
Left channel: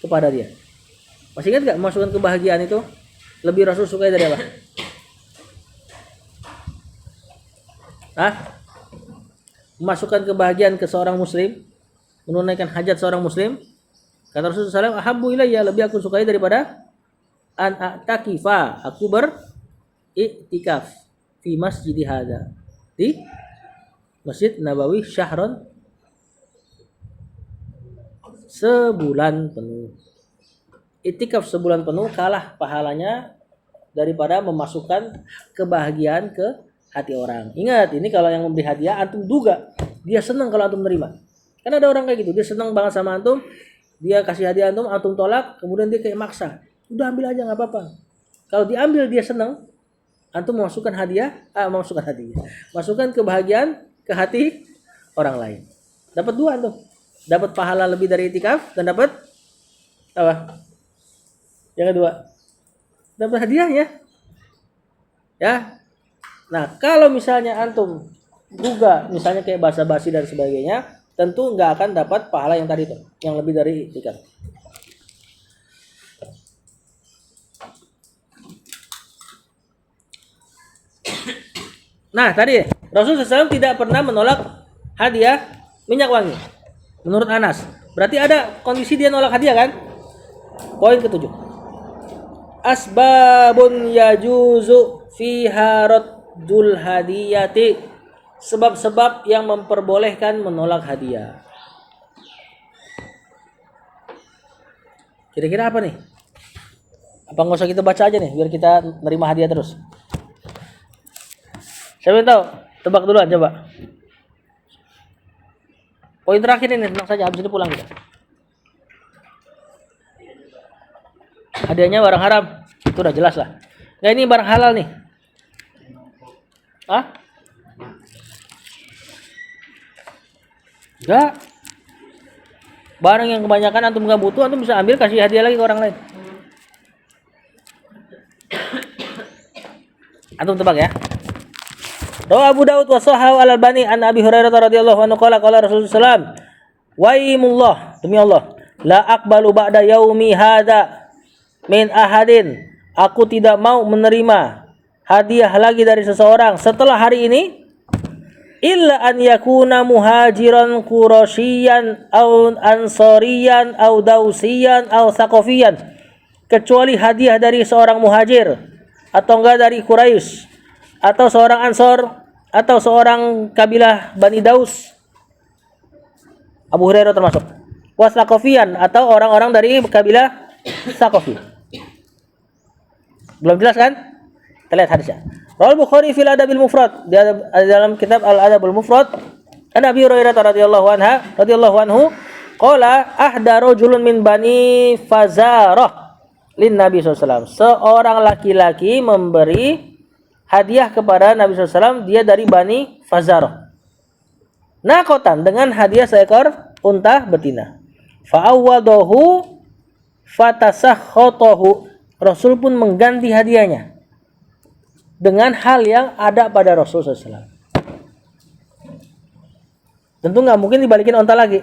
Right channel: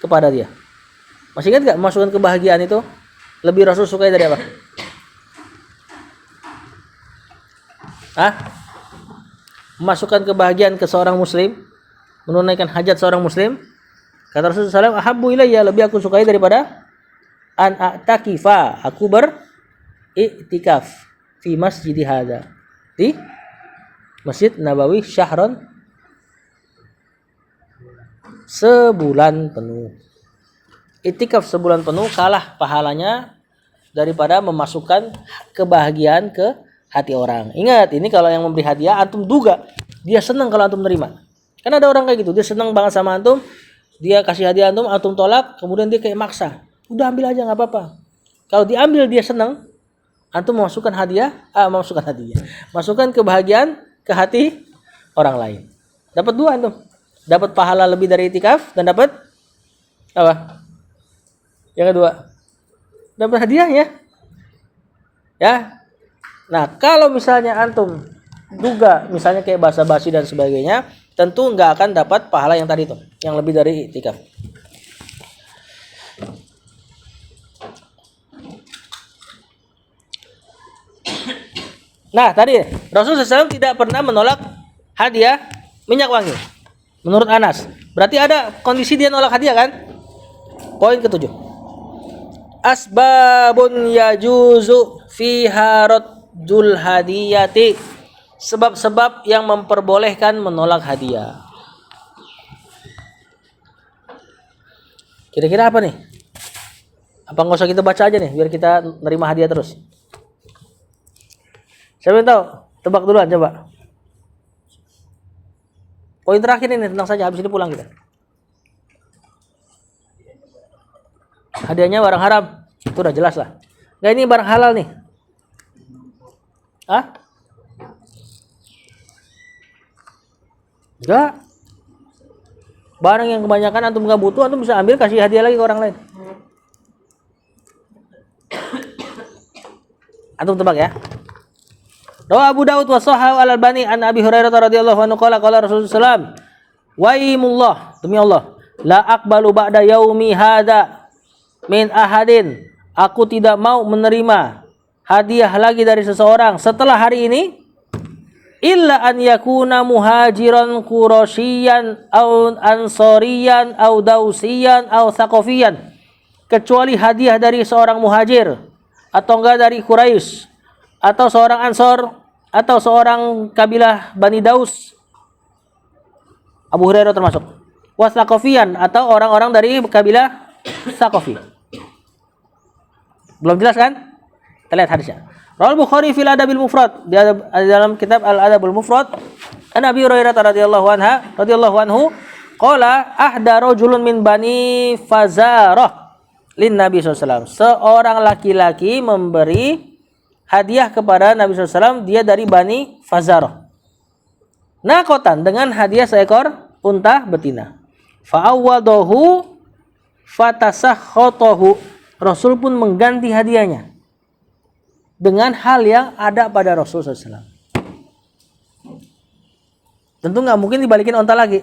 kepada dia. Masih ingat nggak memasukkan kebahagiaan itu? Lebih Rasul sukai dari apa? Memasukkan kebahagiaan ke seorang muslim, menunaikan hajat seorang muslim. Kata Rasulullah SAW, ahabbu ilayya, lebih aku sukai daripada an a'takifa, aku beriktikaf fi masjid hadza, di Masjid Nabawi syahron, sebulan penuh. Iktikaf sebulan penuh kalah pahalanya daripada memasukkan kebahagiaan ke hati orang. Ingat, ini kalau yang memberi hadiah antum duga dia senang kalau antum menerima. Kan ada orang kayak gitu, dia senang banget sama antum, dia kasih hadiah antum tolak, kemudian dia kayak maksa. Udah ambil aja nggak apa-apa. Kalau diambil dia senang, antum masukkan kebahagiaan ke hati orang lain. Dapat dua antum. Dapat pahala lebih dari itikaf dan dapat apa? Yang kedua, dapat hadiah ya. Ya. Nah, kalau misalnya antum duga misalnya kayak basa-basi dan sebagainya, tentu nggak akan dapat pahala yang tadi itu, yang lebih dari itikaf. Nah, tadi Rasulullah SAW tidak pernah menolak hadiah minyak wangi. Menurut Anas, berarti ada kondisi dia nolak hadiah kan? Poin ketujuh. Asbabun yajuzu fiha raddul hadiyati. Sebab-sebab yang memperbolehkan menolak hadiah. Kira-kira apa nih? Apa nggak usah kita baca aja nih, biar kita nerima hadiah terus? Saya belum tahu. Tebak duluan coba. Poin terakhir ini tenang saja, habis ini pulang kita. Hadiahnya barang haram. Itu udah jelas lah. Nah, ini barang halal nih. Enggak. Barang yang kebanyakan antum nggak butuh, antum bisa ambil kasih hadiah lagi ke orang lain. Antum tebak ya. Rawa Abu Daud wa Sahih Al-Albani an Abi Hurairah radhiyallahu anhu qala Rasulullah sallallahu waimullah, demi Allah, la aqbalu ba'da yaumi hadza min ahadin, aku tidak mau menerima hadiah lagi dari seseorang setelah hari ini, illa an yakuna muhajiran qurasyian au ansoriyan au dausiyan au thaqafiyan, kecuali hadiah dari seorang muhajir atau enggak dari Quraisy atau seorang Ansor atau seorang kabilah Bani Daus Abu Hurairah termasuk. Wasaqafiyan atau orang-orang dari kabilah Saqafi. Belum jelas kan? Kita lihat hadisnya. Rawal Bukhari fil Adabil Mufrad, di dalam kitab Al Adabul Mufrad, an Abi Hurairah radhiyallahu anhu qala ahda rajulun min bani Fazarah lin Nabi SAW. Seorang laki-laki memberi hadiah kepada Nabi SAW, dia dari Bani Fazarah. Nakotan, dengan hadiah seekor unta betina. Fa'awwadahu fatasakhotohu. Rasul pun mengganti hadiahnya dengan hal yang ada pada Rasul SAW. Tentu nggak mungkin dibalikin unta lagi,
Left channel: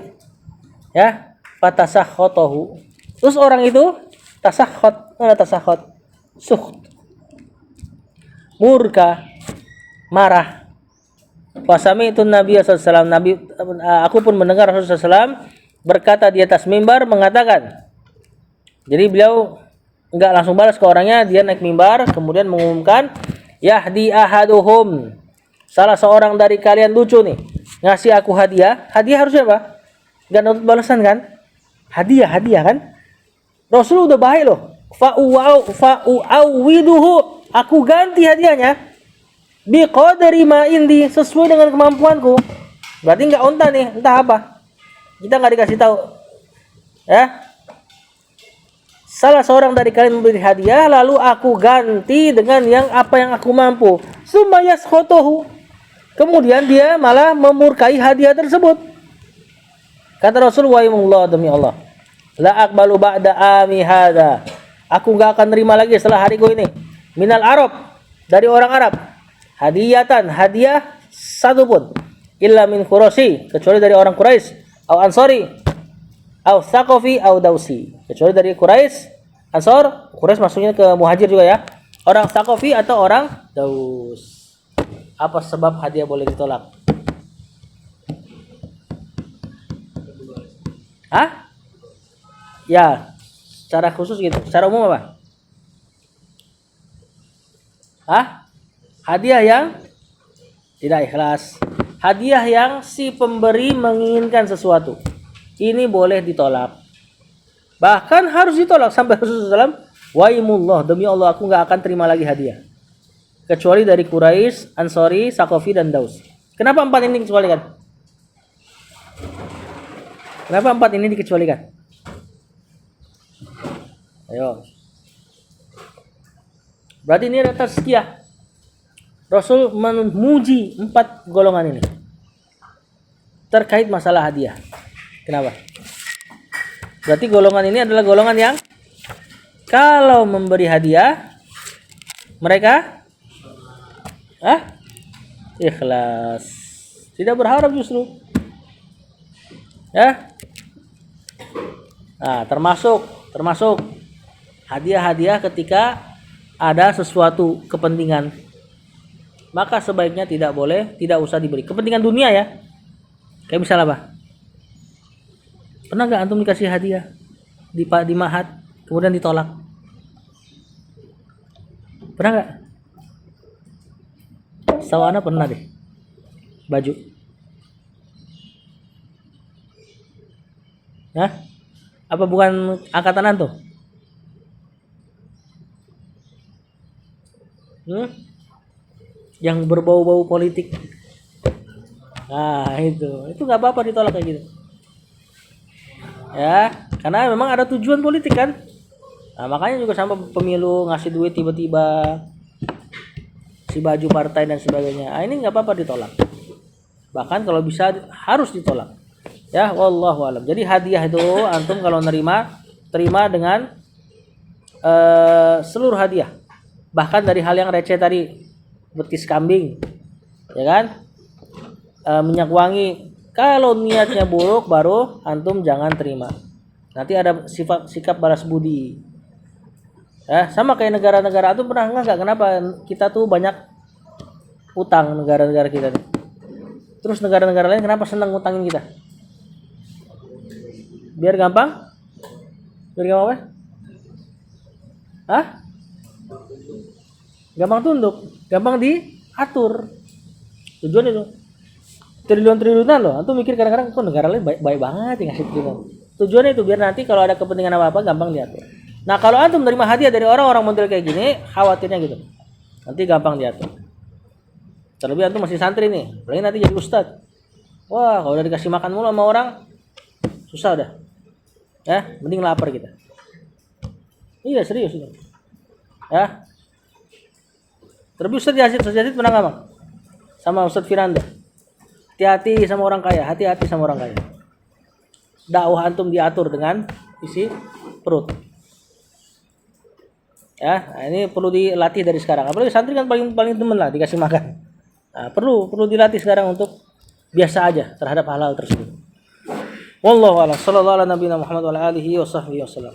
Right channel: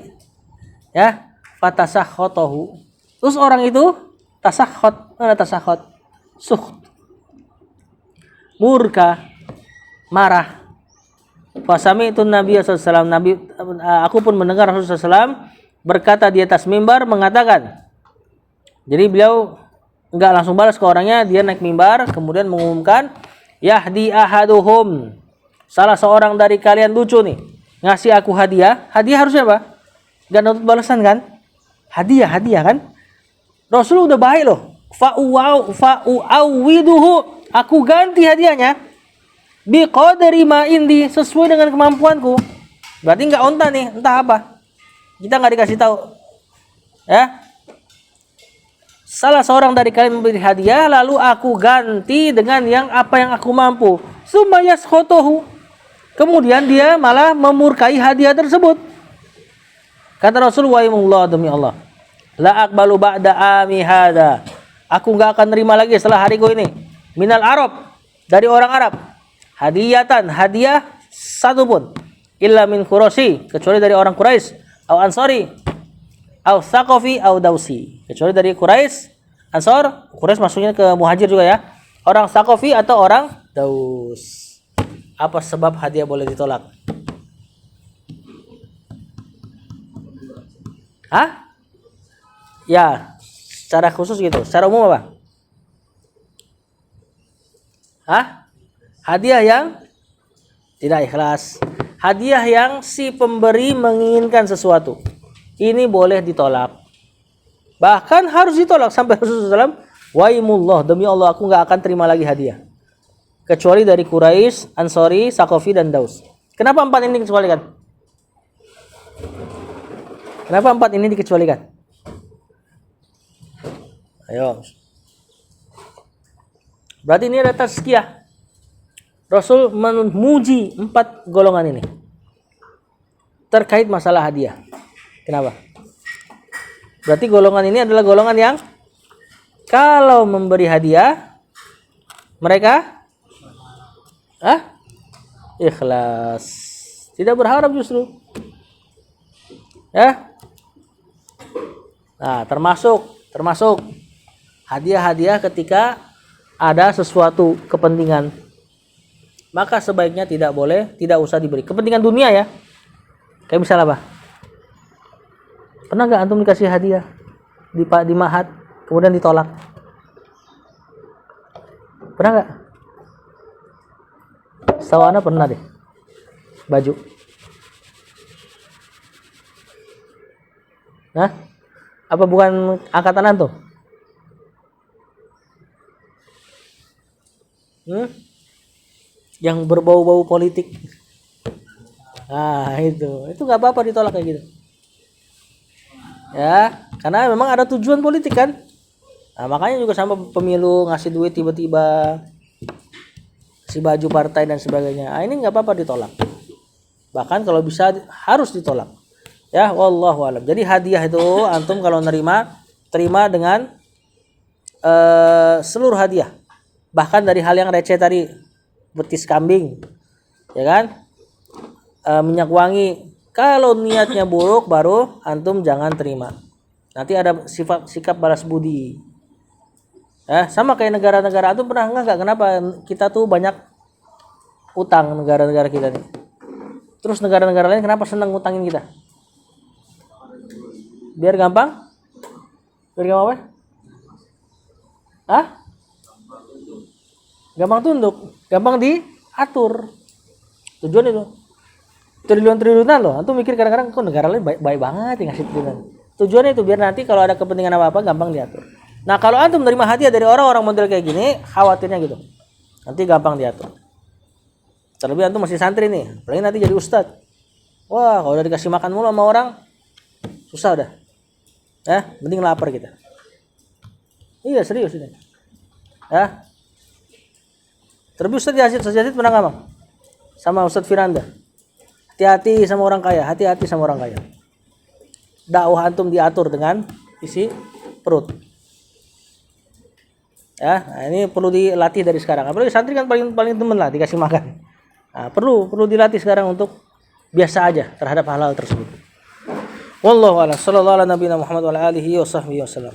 ya. Fatasakhotohu. Terus orang itu tasakhot, sukht, murka, marah. Fasami itu Nabi SAW. Aku pun mendengar Rasulullah SAW berkata di atas mimbar mengatakan. Jadi beliau enggak langsung balas ke orangnya, dia naik mimbar kemudian mengumumkan, yahdi ahaduhum, salah seorang dari kalian lucu nih, ngasih aku hadiah. Hadiah harusnya apa? Enggak nuntut balasan kan? Hadiah kan? Rasul udah baik loh. Fa'u'awwiduhu, aku ganti hadiahnya biqadri ma indi, sesuai dengan kemampuanku. Berarti enggak unta nih, entah apa. Kita enggak dikasih tahu. Ya. Salah seorang dari kalian memberi hadiah, lalu aku ganti dengan yang apa yang aku mampu. Sumayas khotohu. Kemudian dia malah memurkai hadiah tersebut. Kata Rasul, wa'imullah, demi Allah, la aqbalu ba'da ami hadha, aku enggak akan nerima lagi setelah hariku ini, minal Arab, dari orang Arab, hadiah satu pun, illa min Quraisy, kecuali dari orang Quraisy, au Ansari, au Thaqafi, au Dausi, kecuali dari Quraisy, Ansor. Quraisy maksudnya ke Muhajir juga ya, orang Thaqafi atau orang Daus. Apa sebab hadiah boleh ditolak? Hah? Ya, secara khusus gitu. Secara umum apa? Hah? Hadiah yang tidak ikhlas. Hadiah yang si pemberi menginginkan sesuatu, ini boleh ditolak. Bahkan harus ditolak sampai Rasulullah SAW, waimullah, demi Allah aku nggak akan terima lagi hadiah kecuali dari Quraisy, Ansori, Saqafi, dan Daus. Kenapa empat ini dikecualikan? Kenapa empat ini dikecualikan? Ayo. Berarti ini ada tazkiyah. Rasul memuji empat golongan ini terkait masalah hadiah. Kenapa? Berarti golongan ini adalah golongan yang kalau memberi hadiah mereka ikhlas, tidak berharap justru. Ya. Nah, termasuk hadiah-hadiah ketika ada sesuatu kepentingan, maka sebaiknya tidak usah diberi. Kepentingan dunia ya. Kayak misalnya apa? Pernah nggak antum dikasih hadiah di Mahat kemudian ditolak? Pernah nggak? Setahu ana pernah deh. Baju. Nah, apa bukan angkatan antum? Yang berbau-bau politik. Nah, itu nggak apa-apa ditolak kayak gitu. Ya, karena memang ada tujuan politik kan. Nah, makanya juga sama pemilu ngasih duit tiba-tiba, si baju partai dan sebagainya. Nah, ini nggak apa-apa ditolak. Bahkan kalau bisa harus ditolak. Ya, wallahu alam. Jadi hadiah itu antum kalau terima dengan seluruh hadiah. Bahkan dari hal yang receh tadi, betis kambing, ya kan? Minyak wangi. Kalau niatnya buruk baru antum jangan terima. Nanti ada sikap balas budi. Sama kayak negara-negara. Antum pernah nggak kenapa kita tuh banyak utang negara-negara kita nih? Terus negara-negara lain kenapa senang ngutangin kita? Biar gampang? Biar gampang apa? Gampang tunduk, gampang diatur. Tujuan itu. triliun-triliunan loh. Antum mikir kadang-kadang kok negara lain baik banget yang ngasih triliunan. Tujuannya itu biar nanti kalau ada kepentingan apa-apa gampang diatur. Nah kalau antum menerima hadiah dari orang-orang model kayak gini, khawatirnya gitu. Nanti gampang diatur. Terlebih antum masih santri nih, apalagi nanti jadi ustadz. Wah kalau udah dikasih makan mulu sama orang, susah udah. Mending lapar kita. Iya serius ini. Terlebih Ustadz Yazid pernah ngomong sama Ustadz Firanda. Hati-hati sama orang kaya, hati-hati sama orang kaya. Dakwah antum diatur dengan isi perut. Nah, ini perlu dilatih dari sekarang. Apalagi santri kan paling temen lah dikasih makan. Nah, perlu dilatih sekarang untuk biasa aja terhadap hal-hal tersebut. Wallahu a'lam. Sallallahu ala nabiyina Muhammad wa ala alihi wa sahbihi wasallam.